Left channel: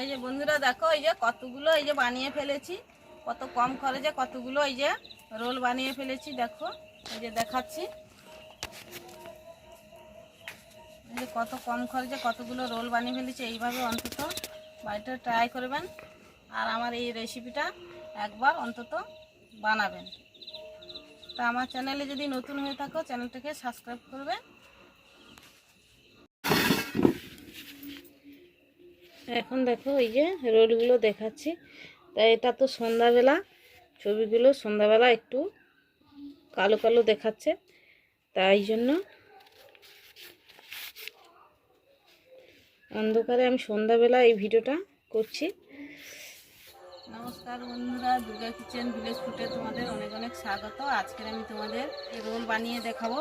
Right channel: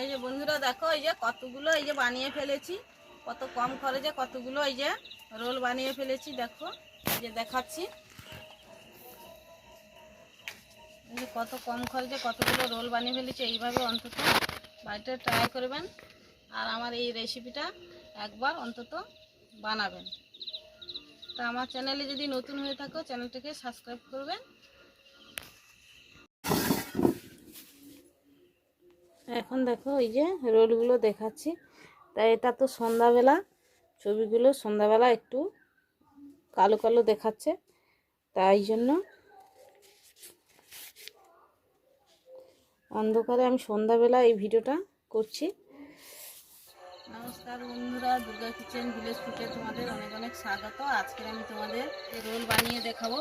এই যে বন্ধুরা দেখো, এই যে কতগুলো এই যে বানিয়ে ফেলেছি, কত কম খরচে কতগুলো এই যে রোল বানিয়ে ফেলেছি। দেখো এই যে দেখাচ্ছি, এই যে কত কম খরচে কতগুলো রোল বানিয়ে ফেলেছি। এইভাবে অন্তত বাড়িতে ট্রাই করবেন, আর আমার এই রেসিপিটা একবার অন্তত বানাবেন। তা আমার চ্যানেলে যদি নতুন হয়ে থাকো চ্যানেলটাকে সাবস্ক্রাইব করবেন। এখন দেখো এই যে রোলগুলো দেখাচ্ছি। তাই এটা তো সন্ধ্যাবেলা, ছবিগুলো সন্ধ্যাবেলা একটু কালো কালো দেখাচ্ছে, তাই জন্য অন্ধকারে আমি সন্ধ্যাবেলা এই ভিডিওটা করছি। নমস্কার বন্ধুরা, দুর্গা কিচেন ভিলেজ ফুডে তোমাদের অনেক অনেক স্বাগত। আজকে আমি তোমাদের রোল বানিয়ে দেখাবো।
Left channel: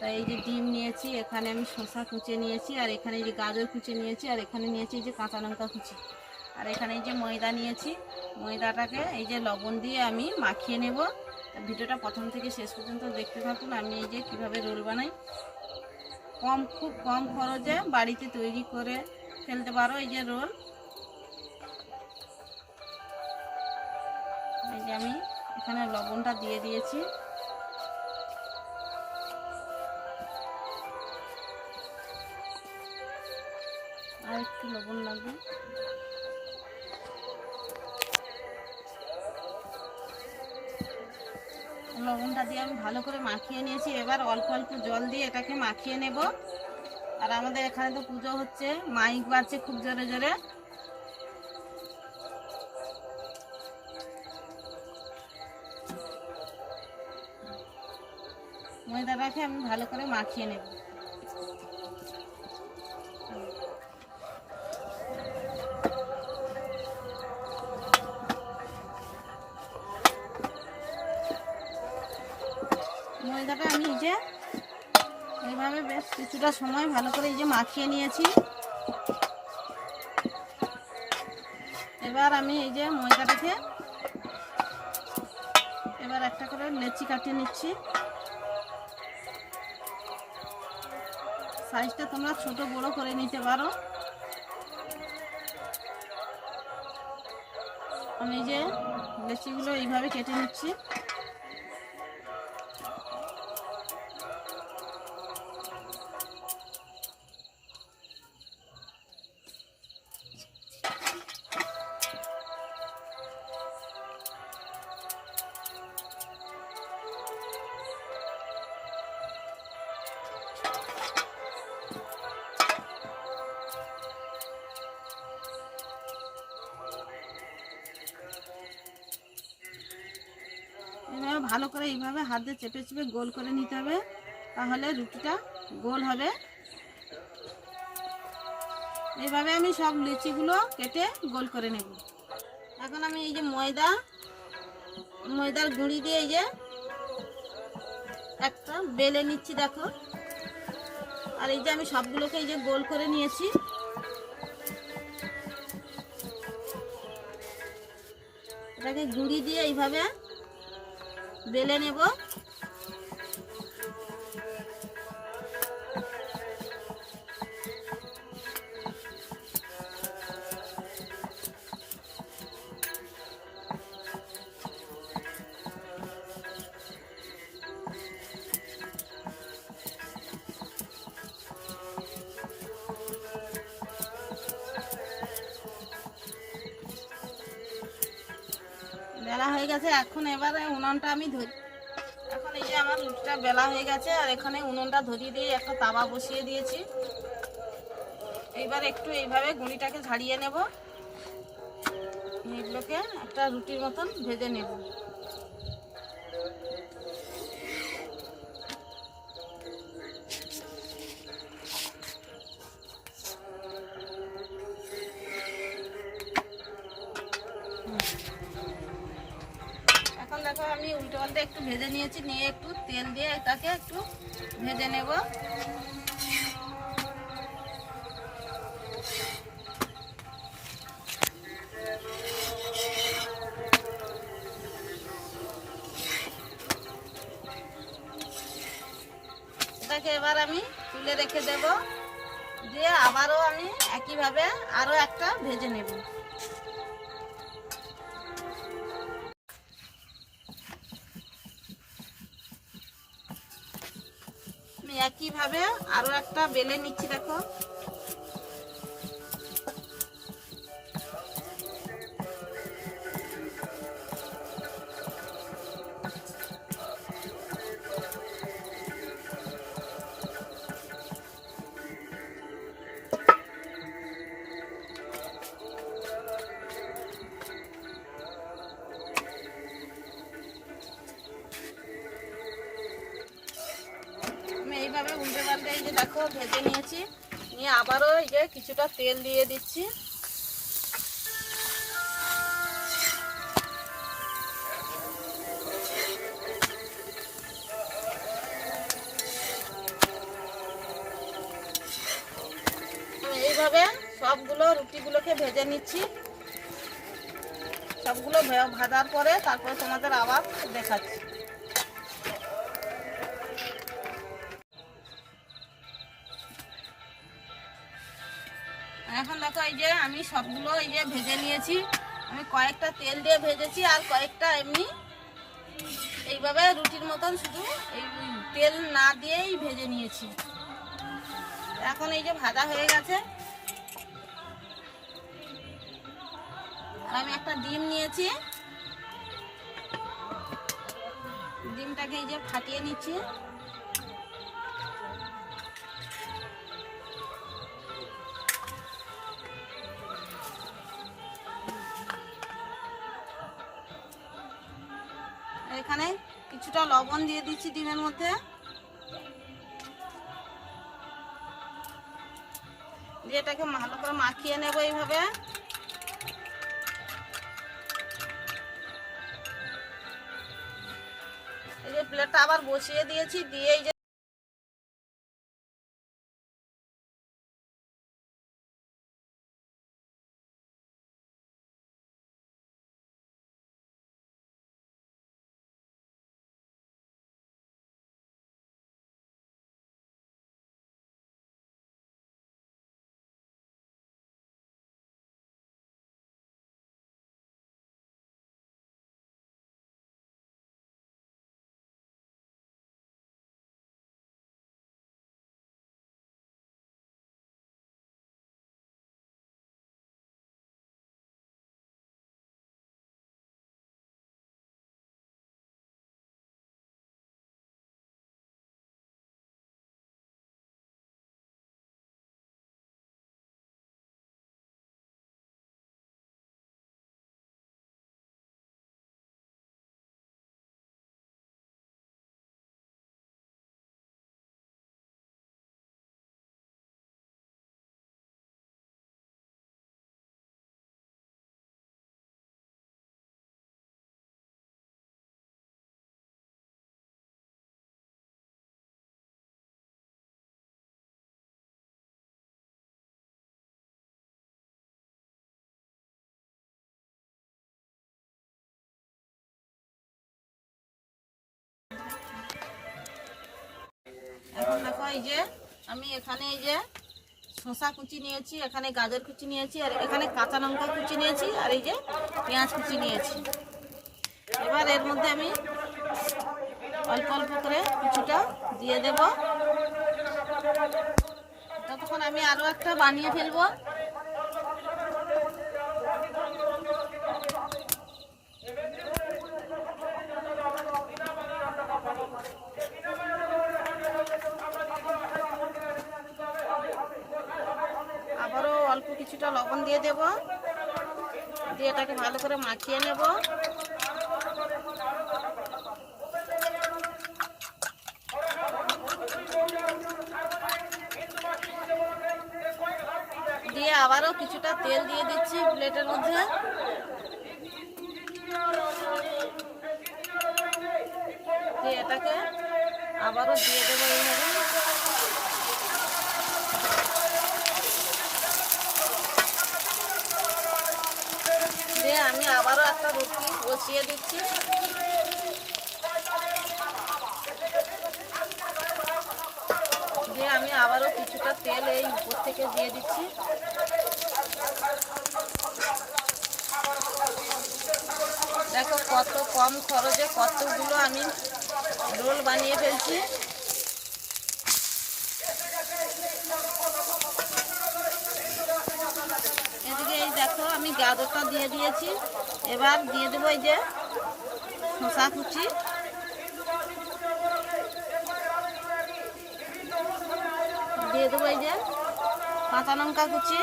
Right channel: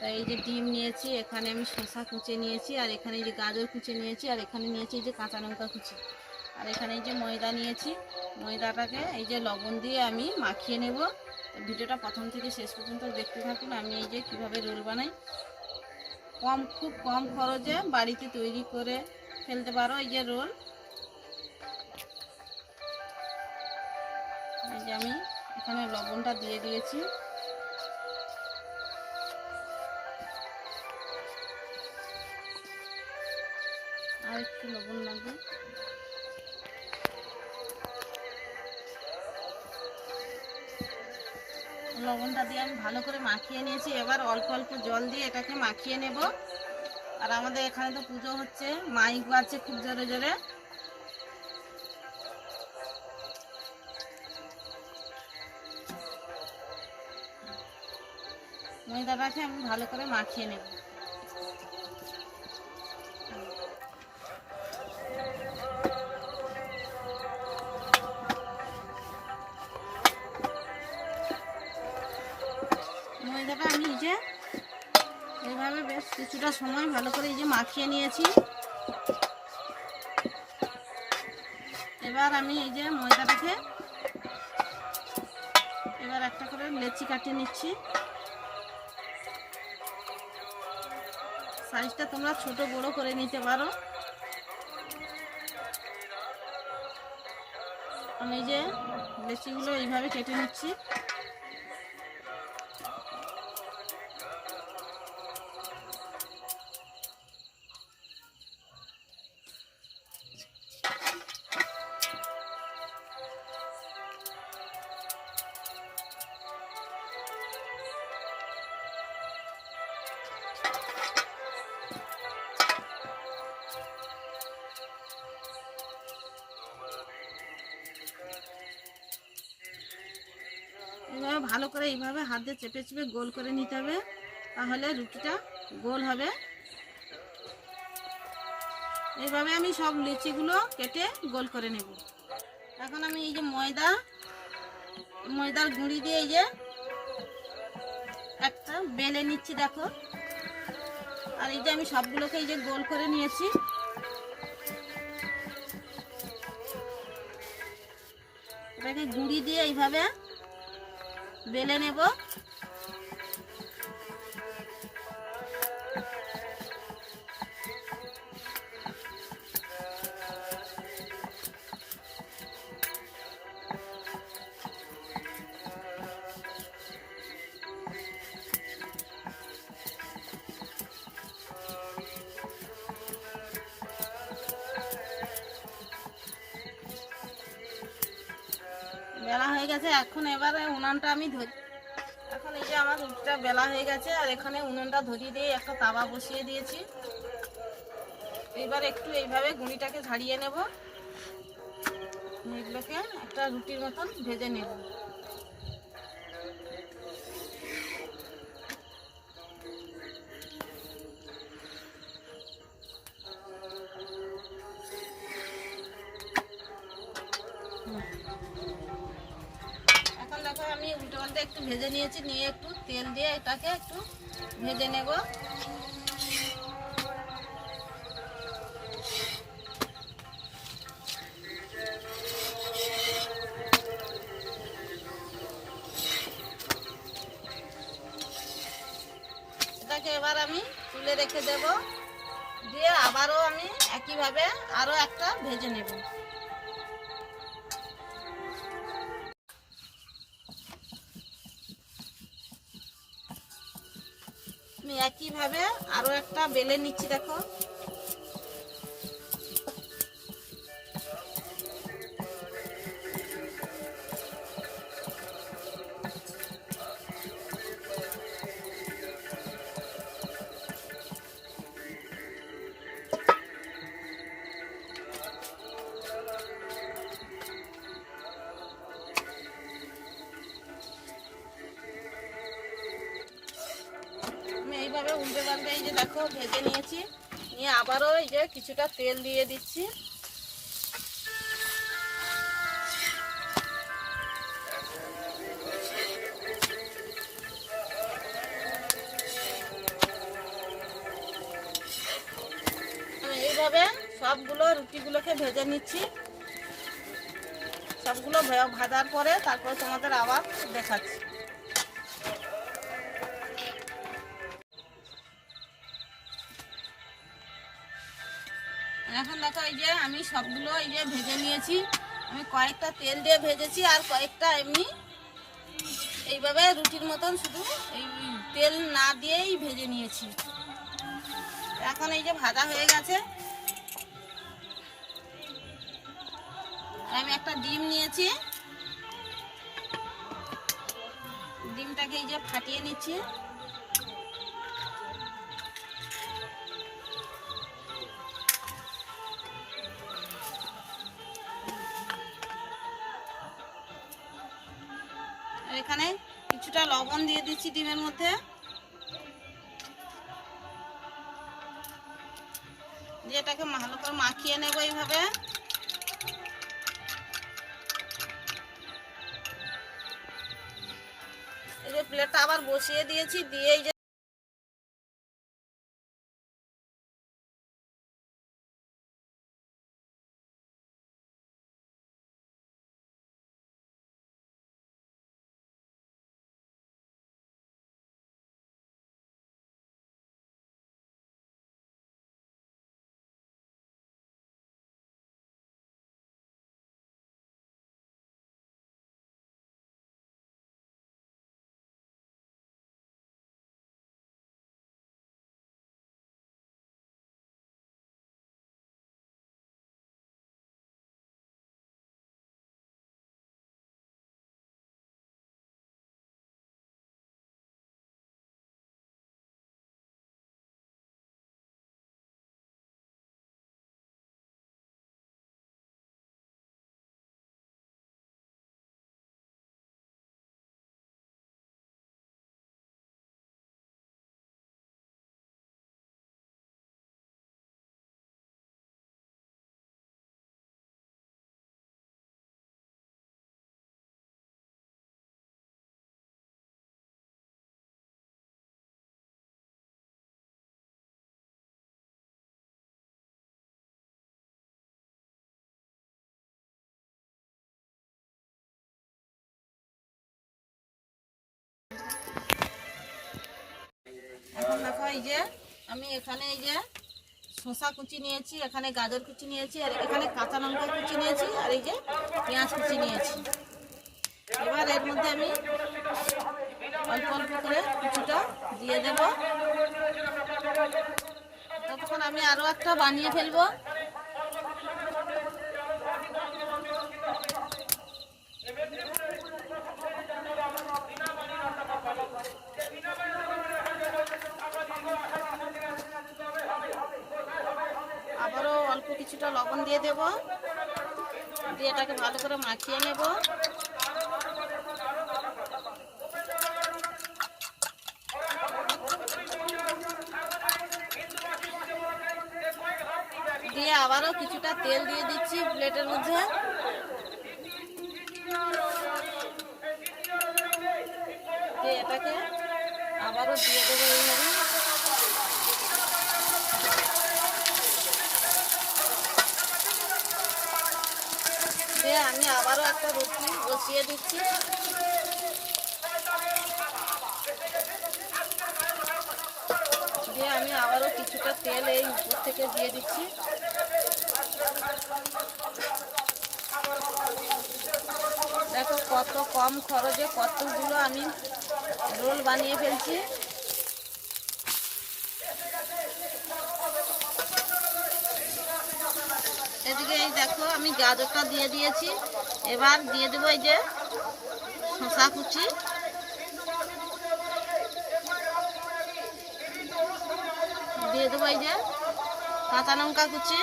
তাই এই যে ডিম নিয়েছি, এখানে আমি শসা কুচে নিয়েছি, আর এখানে এই যে গাজর কুচে নিয়েছি, আর এখানে নিয়েছি এই যে কাঁচা লঙ্কা কুচি, আর এখানে এই যে ময়দা নিয়েছি। ময়দাটাকে এই যে লবণ দিয়ে আমি মাখিয়ে নেব। ভিডিওটা প্রথম থেকে শেষ পর্যন্ত দেখতে থাকুন, আমি এই যে কীভাবে রোল বানাই। খুব কম খরচে বাড়িতে তৈরি করে ফেলতে পারো এই যে রোল। এই যে আমি এখানে লবণটা দিয়ে দিয়েছি, আর একটু লবণ লাগবে। লবণটা দিয়ে আমি ভালো করে মাখিয়ে নিয়েছি। এবার অল্প অল্প জল দিয়ে এটাকে মাখিয়ে নেব। আর আমাদের এখানে তো পুজো হচ্ছে, মাইক বাজছে খুব জোরে জোরে। ময়দাটাকে আমি ভালো করে মাখিয়ে নেব। ময়দাটা আমি এই যে এইভাবে বেশ কিছুটা সময় ভালো করে এই যে মাখিয়ে নিয়েছি। এবার আমি এই যে ময়দাটাকে এবার একটা করে লেচি কাটিয়ে নিচ্ছি। সাইজটা তোমরা ছোট বড় করে নিতে পারো। আমি এই যে লেচিগুলো এইভাবে কেটে নিচ্ছি। এইভাবে ভালো করে এইভাবে হাত দিয়ে চেপে চেপে গোল করে নিতে হবে, তাহলে রুটিটা গোল হবে। এইভাবে আমি সব লিচিগুলো কেটে গোল করে নেব। এখন আমি এই যে ময়দার গুঁড়ি দিয়ে এই যে একটা বেলে নিচ্ছি, দেখো। আর এই যে আমি সবগুলোকে এই যে গোল করে নিয়েছি। এটাকে গুঁড়ি দিয়ে এইভাবে বেলে নেব। বেলা হয়ে গেছে, এখন এবারে উনানটা আমি ধরি। এখন এই যে আমার রুটিটা বেলা হয়ে গেছে, আর এখানে উনুনটা ধরিয়ে দিয়ে একটা তাওয়া বসিয়ে দিয়েছি। এইবার একটু এইভাবে গুঁড়িটাকে ঝাড়িয়ে নেব, এগুলোকে একটা রুটির মতন ভেজে নেব। এখন দেখো আমি উল্টো পাল্টে একটু ভেজে নিয়েছি, নিয়ে একটু তেল দিয়ে এটাকে একটু ভেজে নেব। এটাকে এবার আমি তুলে রেখে দেব। দিয়ে আবারও আমি একইভাবে আরও একটা ভেজে নেব। আমি একইভাবে আরও একটা বেলে নিচ্ছি। দেখো আমি এইভাবে উল্টে পাল্টে এই যে দেখো ভেজে নিয়েছি, নিয়ে আবারও এই যে কিছুটা তেল দিয়ে দিচ্ছি। এইভাবে সবগুলো রুটিগুলোকে ভেজে নিচ্ছি। সবগুলো ভাজার পরে তারপরে তোমাদের আবার দেখাচ্ছি। এখন দেখো এই যে আমি সবগুলো এই যে ভেজে নিয়েছি। আমি কয়েকটা তেল দিয়ে ভেজেছি আর কয়েকটা এমনি এইভাবে রুটির মতন শুধু এই তেল না দিয়েই ভেজে নিয়েছি। এখন এই যে ভাজা হয়ে গেছে। আর আমি একটা ডিম নিয়েছি, ডিমটাকে এই যে ফাটিয়ে নিচ্ছি। এখানে কিছুটা লবণ দিয়ে দিচ্ছি ডিমের মধ্যে, দিয়ে এটাকে ভালো করে মাখিয়ে নেব এইভাবে। এই যে প্লেটটা আবার বসিয়ে দিয়েছি, দিয়ে এই যে এখন দেখো এই যে আমি এখানে এই যে শসা কুচি নিয়েছি, এখানে গাজর কুচি নিয়েছি, আর এখানে কাঁচা লঙ্কা কুচি নিয়েছি, আর এই যে পেঁয়াজ কুচি নিয়েছি। এবার এর মধ্যে আমি অল্প অল্প করে কিছুটা দিয়ে দেব। ততক্ষণ আমি আরও একটা বানিয়ে ফেলবো। আবারও অল্প কিছুটা লবণ দিয়ে দেব, দিয়ে এটাকে ভালো করে মাখিয়ে নেব। দিয়ে আবারও কিছুটা তেল দিয়ে দিচ্ছি প্লেটের মধ্যে। দিয়ে এটাকে আবারও দিয়ে দেবো এইভাবে। দিয়ে আমি আবারও একটা রুটি বসিয়ে দিচ্ছি। দিয়ে দিয়ে আমি আবারও কিছুটা তেল এই উপর থেকে দিয়ে দিচ্ছি। দেখো কত কম খরচে কতগুলো আমি রোল বানিয়ে ফেলছি। এদিকে এই দেখো আমি গাজরটা দিয়ে দিয়েছি। এবার দিয়ে দেবো এই যে শসা কুচি, দিয়ে দেবো এই যে কাঁচা লঙ্কা কুচি।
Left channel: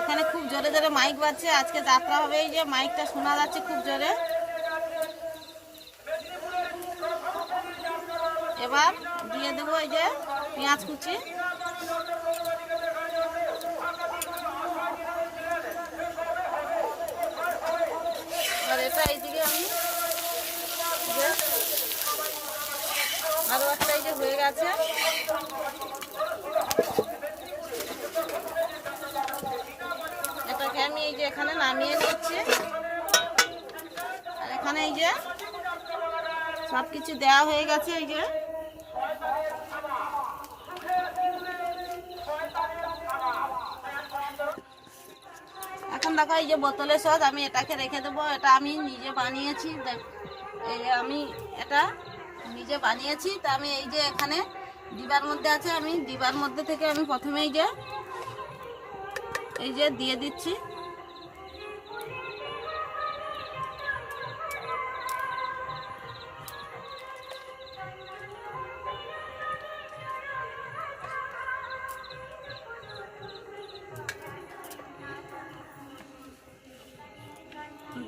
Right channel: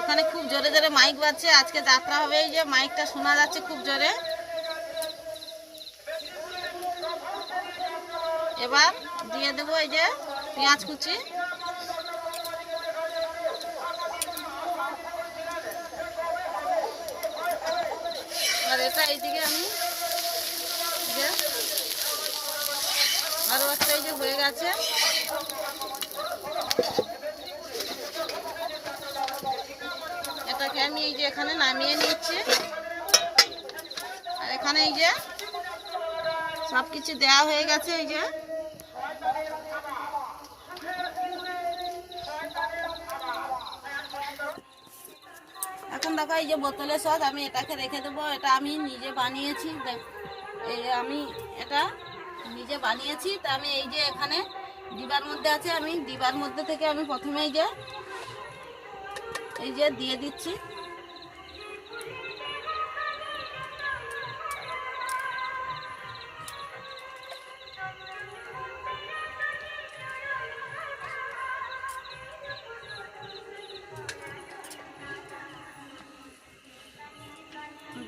এখানে খুব জোরে জোরে মাইক বাজছে, আজকে যাত্রা হবে, এই যে মাইকটা শোনা যাচ্ছে খুব জোরে। এবার দিয়ে দেবো এই যে পেঁয়াজ কুচি, আর এটা এইদিকে আমি যে আরও একটা এই যে হয়ে গেছে। এটাকে আমি এই যে এখানে নামিয়ে নিচ্ছি। আর এখানে এই যে সব কিছু দেওয়া হয়ে গেছে। এই যে এখন দেখো এই যে বোতলের সস আমি এটাকে রেখে দেবো। এটা আমি নিজে বানিয়েছি, এই আমি এটা নিজে বানিয়েছি। তা আমি এই যে এখানে ডিবার মধ্যে আছে, আমি ডিবার মধ্যে থেকে আমি প্রথমে এই যে দিয়ে দিচ্ছি।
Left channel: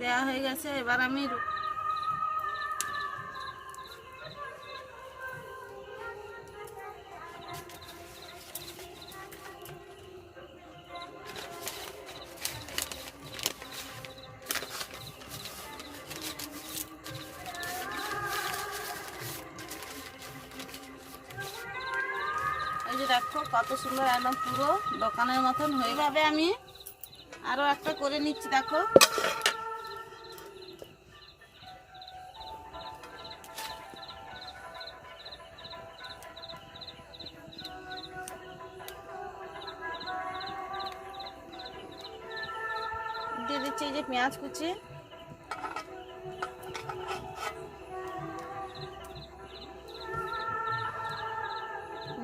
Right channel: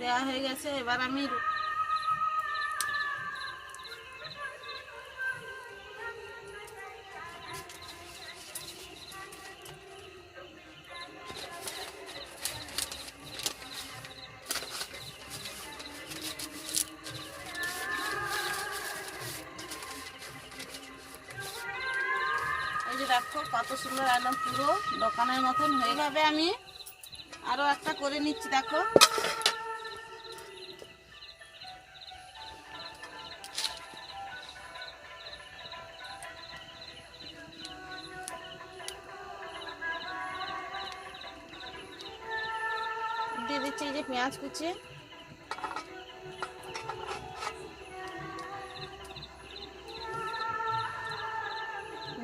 দেওয়া হয়ে গেছে। এবার আমি এই যে দেখো কত সুন্দর একদম পুরো দোকানের মতন হয়ে। এইভাবে আমি আরো একটা করে নিচ্ছি। দেখো দিয়ে দিচ্ছি এই যে পেঁয়াজ কুচি,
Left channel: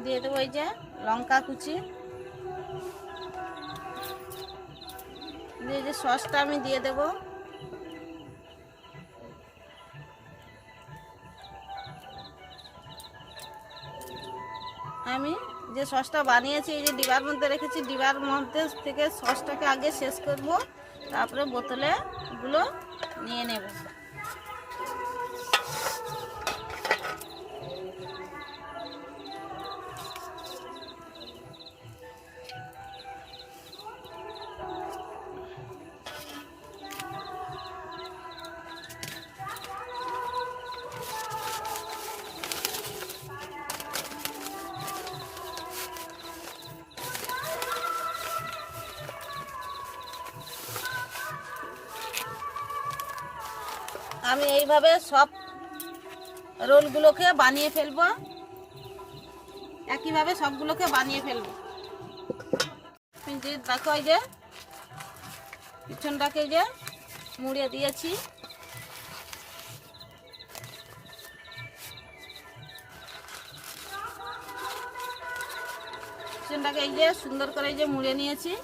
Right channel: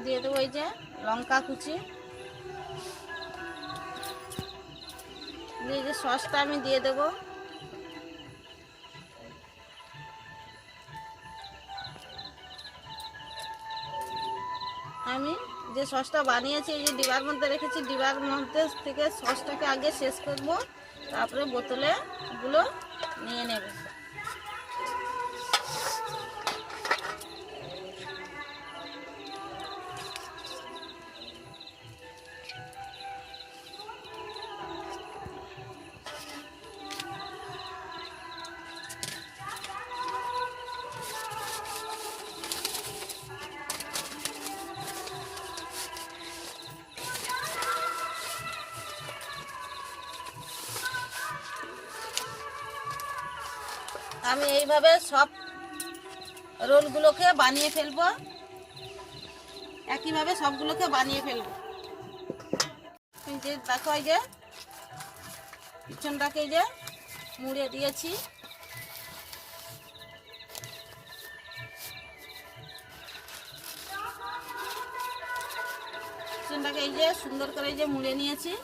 দিয়ে দেবো এই যে লঙ্কা কুচি, দিয়ে যে সসটা আমি দিয়ে দেবো। আমি যে সসটা বানিয়েছি এই যে ডিবার মধ্যে রেখেছি, ডিবার মধ্যে থেকে সসটাকে আগে শেষ করব, তারপরে বোতলে গুলো নিয়ে নেব। আমি এইভাবে সব রোলগুলোকে বানিয়ে ফেলবো, একইভাবে সবগুলোকে বানিয়ে ফেলবো। এই যে দেখো এই যে পিছনটাকে যে মুড়ে দিয়েছি, পিছনটাকে এই যে সুন্দর করে এই যে মুড়ে নিয়েছি।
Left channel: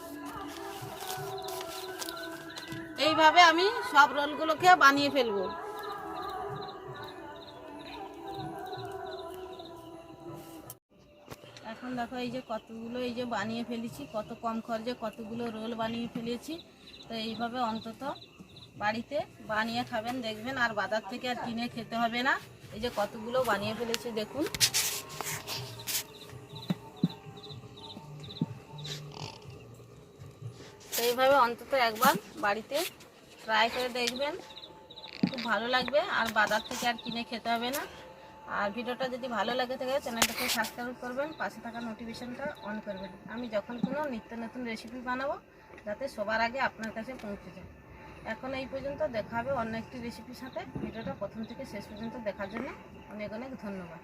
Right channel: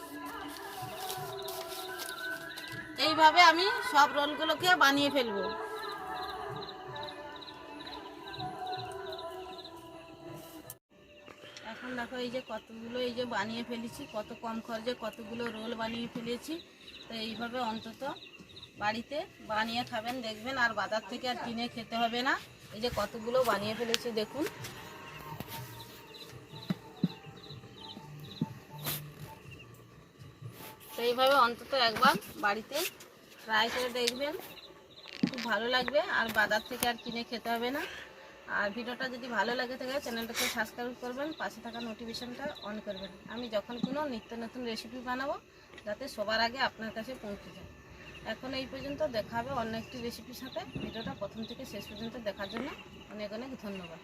এইভাবে আমি সব রোলগুলোকে বানিয়ে ফেলবো। এখন দেখো এই যে কতগুলো এই যে বানিয়ে ফেলেছি, কত কম খরচে কতগুলো রোল বানিয়ে ফেলেছি। তো এইভাবে অন্তত বাড়িতে বানিয়ে খাবেন, দেখবেন আর বাজার থেকে আর কিনে খেতে হবে না। এই যে কতগুলো বানিয়ে ফেলেছি দেখুন। তো এইভাবে অন্তত একবার বাড়িতে ট্রাই করে দেখবেন, খুব ভালো লাগবে আর বাজার থেকে আর কিনে খেতে হবে না। আর ভিডিওটা যদি ভালো লাগে থাকে চ্যানেলটাকে সাবস্ক্রাইব করবেন, পাশে থাকা নোটিফিকেশনটা অন করবেন। আমি যখন কোনো নিত্য নতুন রেসিপি বানাবো যাতে সবার আগে আপনার কাছে পৌঁছে যায়। এখন এই পর্যন্ত, দেখা হবে অন্য একটি রেসিপির সাথে। ভিডিওটা প্রথম থেকে শেষ পর্যন্ত দেখার জন্য অনেক অনেক ধন্যবাদ।